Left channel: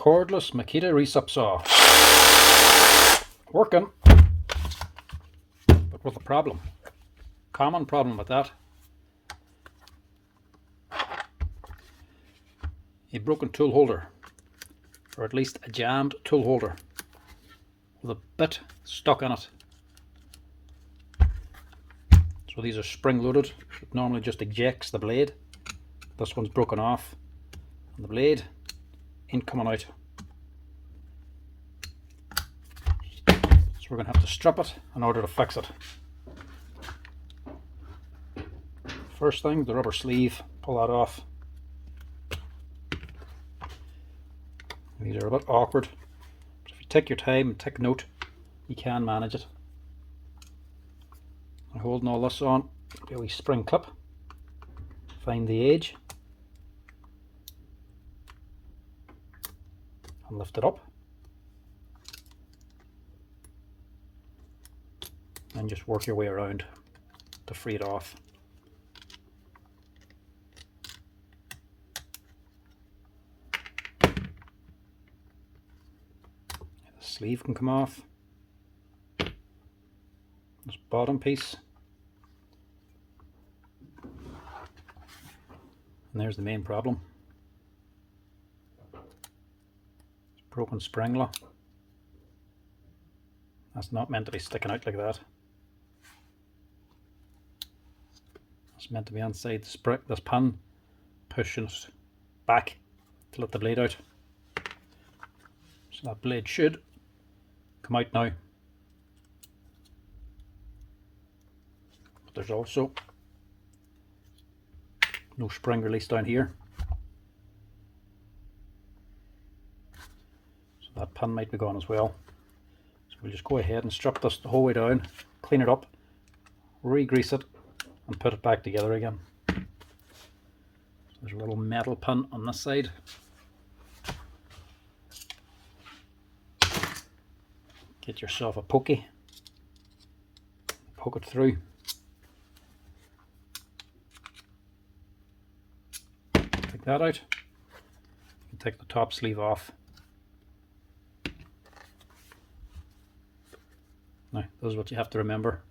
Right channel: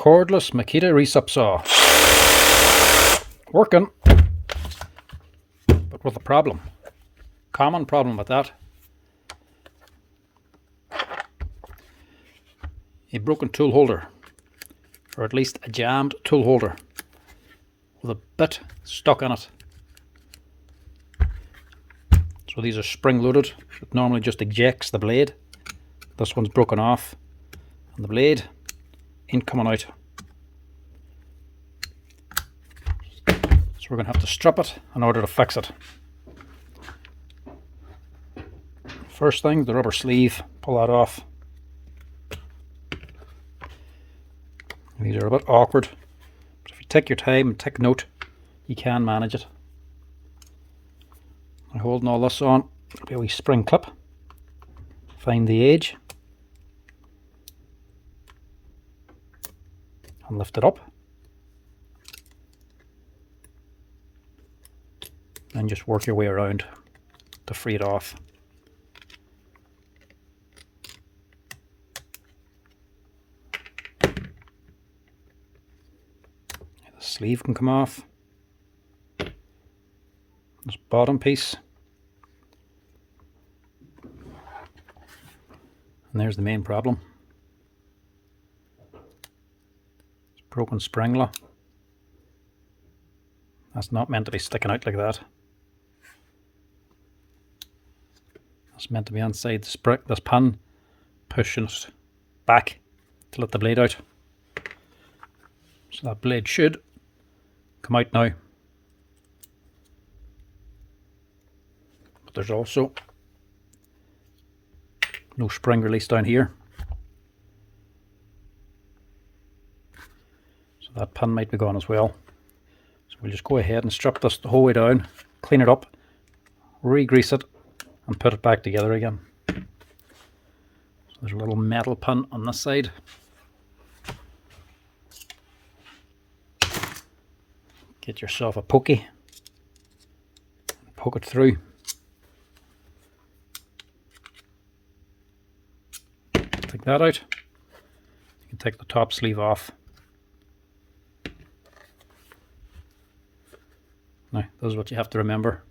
cordless Makita Reciprocating saw. Working, but with a problem. Common problem with that. A broken tool holder, or at least a jammed tool holder with a bit stuck in it. So these are spring loaded. It normally just ejects the blade. This one's broken off and the blade ain't coming out. So we're going to have to strip it in order to fix it. First thing, the rubber sleeve, pull that off. These are a bit awkward, but if you take your time and take note, you can manage it. I'm holding all this on, there'll be a wee spring clip. Find the edge and lift it up, and just work your way around to free it off. The sleeve can come off. This bottom piece, and there's the main problem. It's broken spring lock. That's not meant to be sticking out like that. It's meant to be inside the spring, this pin, pushing it back to let the blade out. So that blade should come out now. But there's also no spring release down here. So that pin might be gone as well. So we'll just go ahead and strip this the whole way down, clean it up, re-grease it, and put it back together again. So there's a little metal pin on this side. Get yourself a pokey, poke it through. Take that out. You can take the top sleeve off. Now, this is what you have to remember.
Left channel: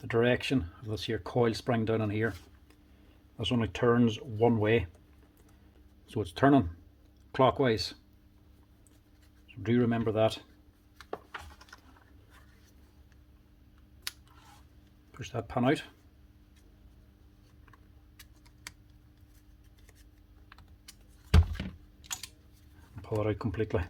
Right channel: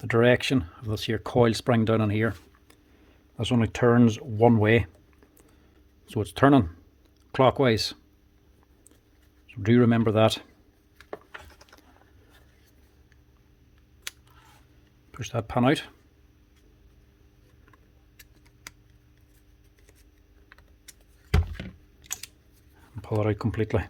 The direction of this here coil spring down on here, this only turns one way. So it's turning clockwise. So do remember that. Push that pin out. And pull it out completely.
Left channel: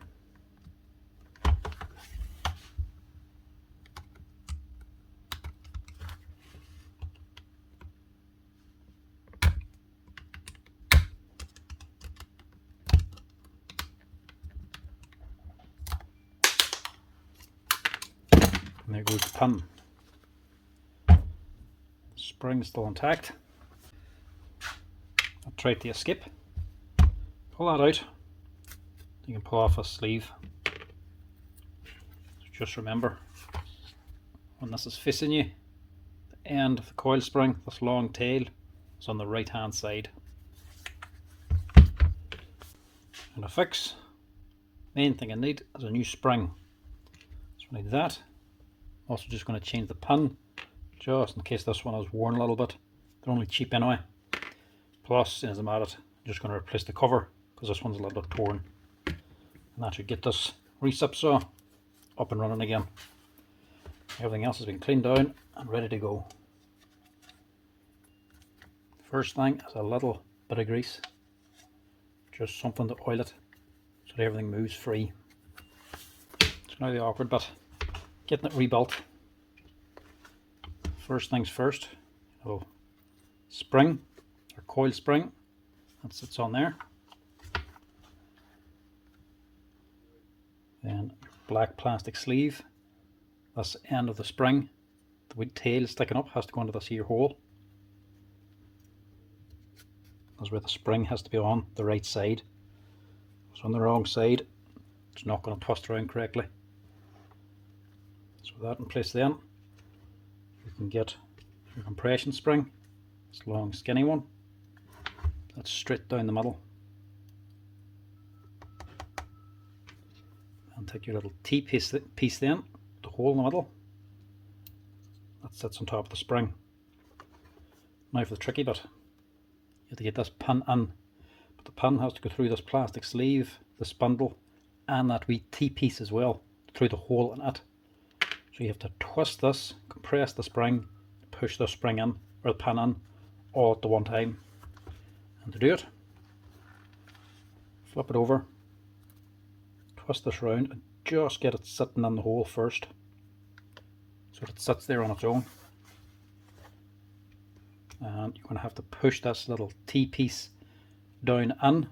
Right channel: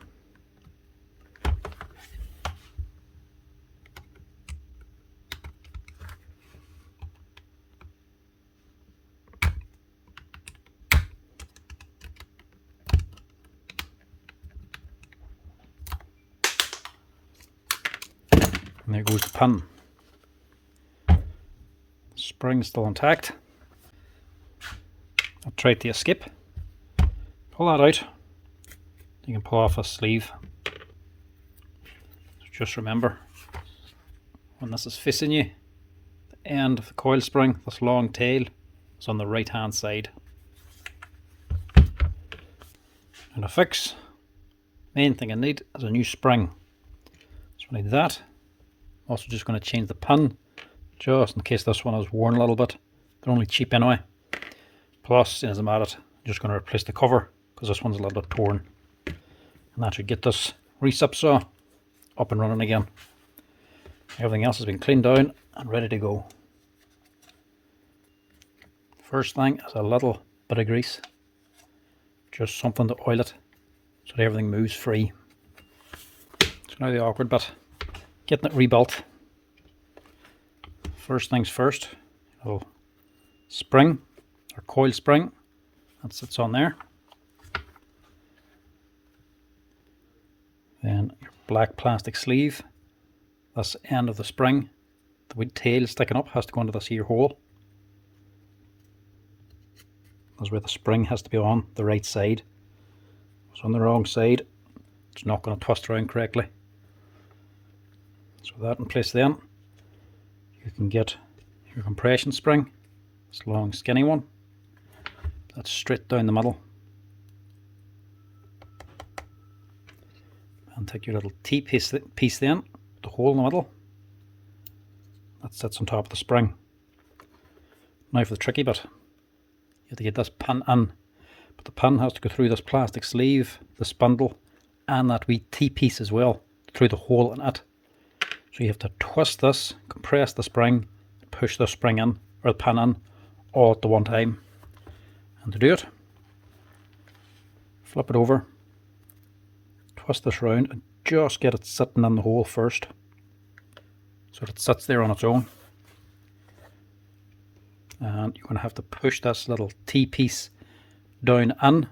And there goes the pin. Spring still intact. I'll try to escape. Pull that out. You can pull off a sleeve. So just remember, when this is facing you, the end of the coil spring, this long tail, is on the right hand side. And to fix, main thing I need is a new spring. So I need that. Also just going to change the pin, just in case this one is worn a little bit. They're only cheap anyway. Plus, as I'm at it, I'm just going to replace the cover because this one's a little bit torn. And that should get this recip saw up and running again. Everything else has been cleaned down and ready to go. First thing is a little bit of grease. Just something to oil it so that everything moves free. So now the awkward bit. Getting it rebuilt. First things first, a little spring or coil spring that sits on there. Then your black plastic sleeve. This end of the spring, the wee tail sticking up, has to go into this here hole. That's where the spring has to be on the right side. So on the wrong side, it's not going to twist around correctly. So that in place, then you can get your compression spring, this long skinny one, that's straight down the middle. And take your little T-piece then, the hole in the middle, that sits on top of the spring. Now for the tricky bit, you have to get this pin in, but the pin has to go through this plastic sleeve, the spindle, and that wee T-piece as well, through the hole in it. So you have to twist this, compress the spring, push the spring in, or the pin in, all at the one time. And to do it, flip it over, twist this round, and just get it sitting in the hole first, so that it sits there on its own. And you're going to have to push this little T-piece down in. What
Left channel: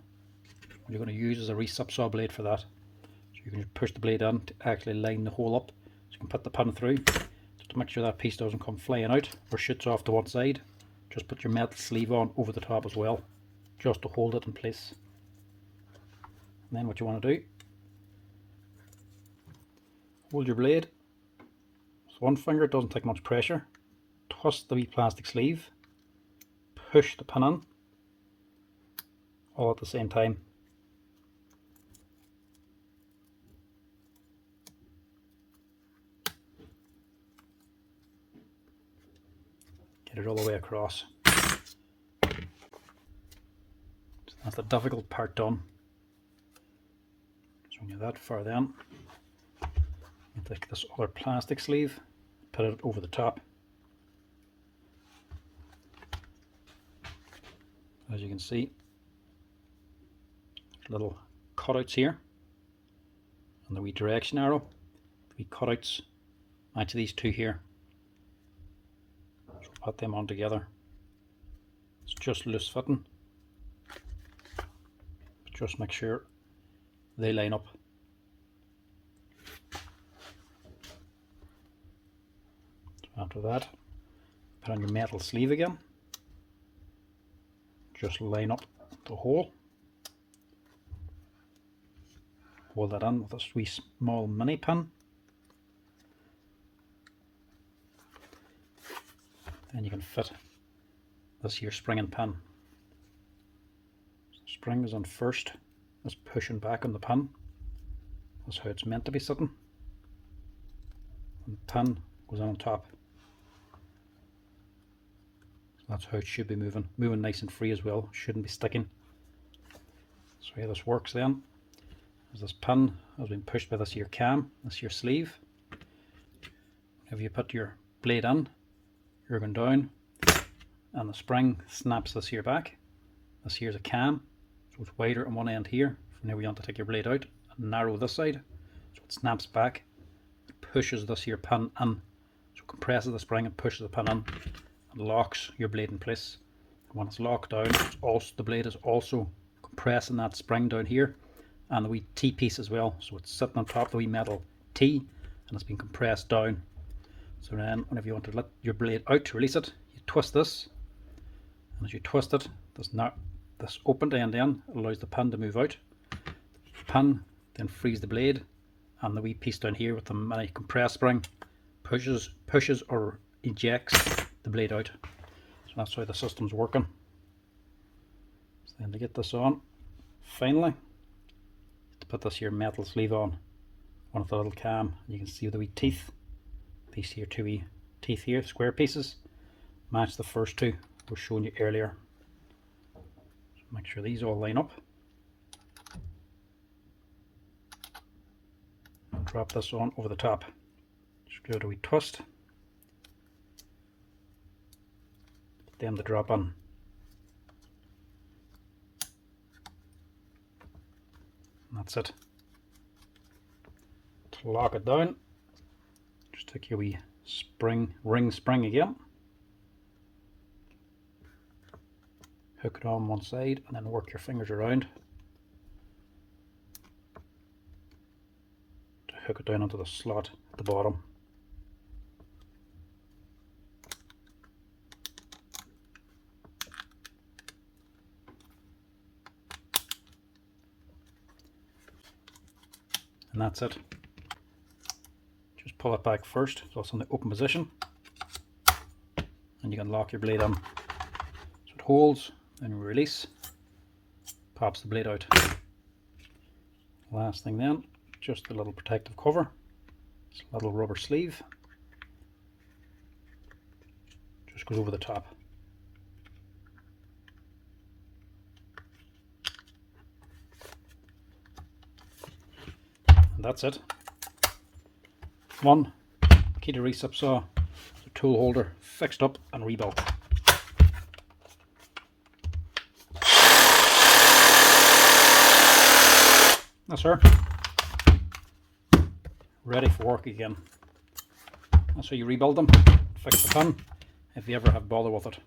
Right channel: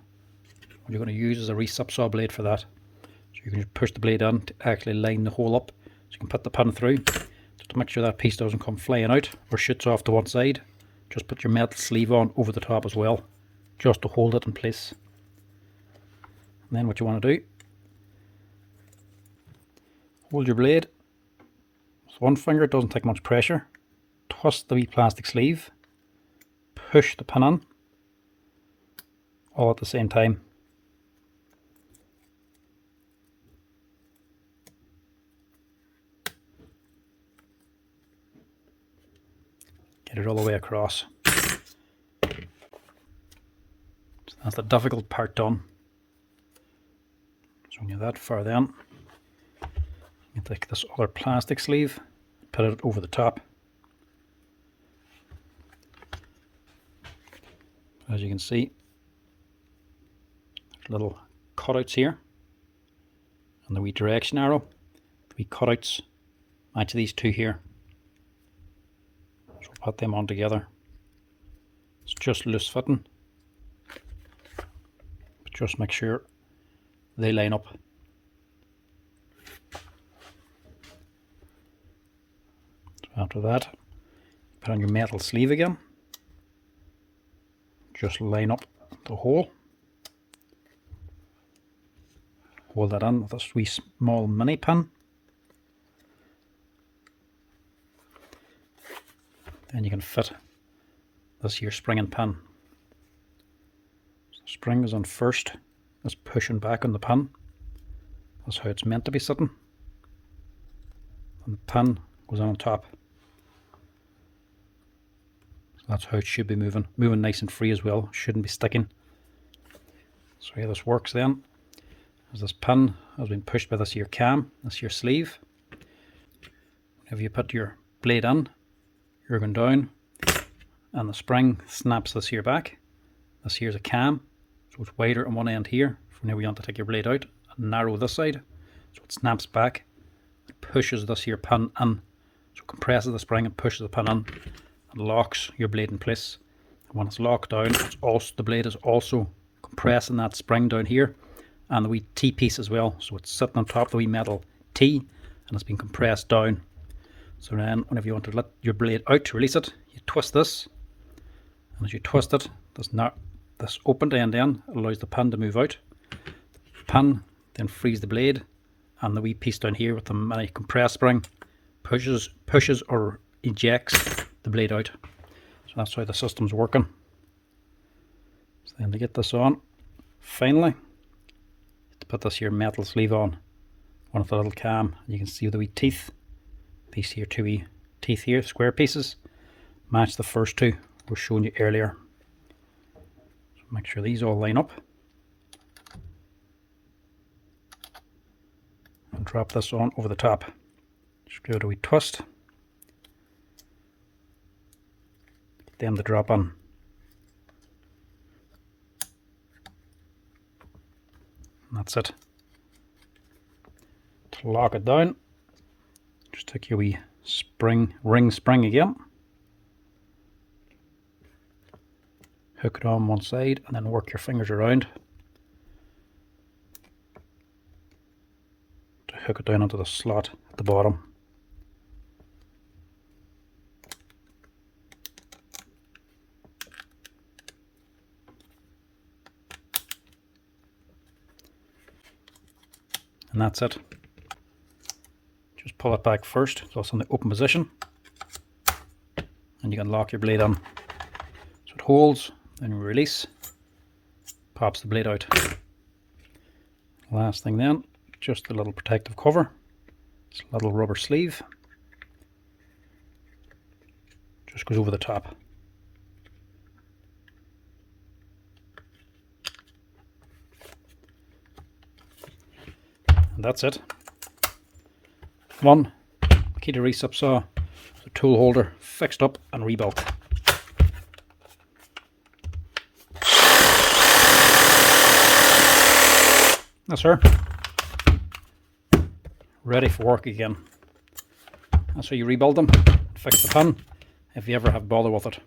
you're going to use is a recip saw blade for that. So you can just push the blade in to actually line the hole up, so you can put the pin through. Just to make sure that piece doesn't come flying out or shoots off to one side, just put your metal sleeve on over the top as well, just to hold it in place. And then what you want to do, hold your blade with one finger, it doesn't take much pressure, twist the wee plastic sleeve, push the pin in, all at the same time. Get it all the way across. So that's the difficult part done. So when you're that far then, you take this other plastic sleeve, put it over the top. As you can see, there's little cutouts here, and the wee direction arrow, the wee cutouts match these two here. So put them on together. It's just loose fitting, but just make sure they line up. So after that, put on your metal sleeve again. Just line up the hole. Hold that in with a wee small mini pin. Then you can fit this here spring and pin. So the spring is on first, it's pushing back on the pin. That's how it's meant to be sitting. And the pin goes on top. So that's how it should be moving. Moving nice and free as well, shouldn't be sticking. So how this works then, is this pin has been pushed by this here cam, this here sleeve. If you put your blade in, you're going down, and the spring snaps this here back. This here's a cam, so it's wider on one end here. From now we want to take your blade out and narrow this side, so it snaps back, it pushes this here pin in, so it compresses the spring and pushes the pin in, and locks your blade in place. And when it's locked down, it's also, the blade is also compressing that spring down here, and the wee T-piece as well, so it's sitting on top of the wee metal T, and it's been compressed down. So then whenever you want to let your blade out to release it, you twist this, and as you twist it, this opened end allows the pin to move out. The pin then frees the blade, and the wee piece down here with the mini compressed spring pushes or ejects the blade out. So that's how the system's working. So then to get this on, finally, to put this here metal sleeve on one of the little cam, you can see the wee teeth. These here two wee teeth here, square pieces, match the first two we were showing you earlier. So make sure these all line up. And drop this on over the top. Just give it a wee twist. Get them to drop on. And that's it. To lock it down, just take your wee ring spring again, hook it on one side, and then work your fingers around to hook it down onto the slot at the bottom. And that's it. Just pull it back first, so it's in the open position, and you can lock your blade on. So it holds, then you release, pops the blade out. Last thing then, just the little protective cover. This little rubber sleeve just goes over the top. And that's it. One Makita Recip saw, the tool holder fixed up and rebuilt. That's her. Ready for work again. That's how you rebuild them. Fix the pin if you ever have bother with it.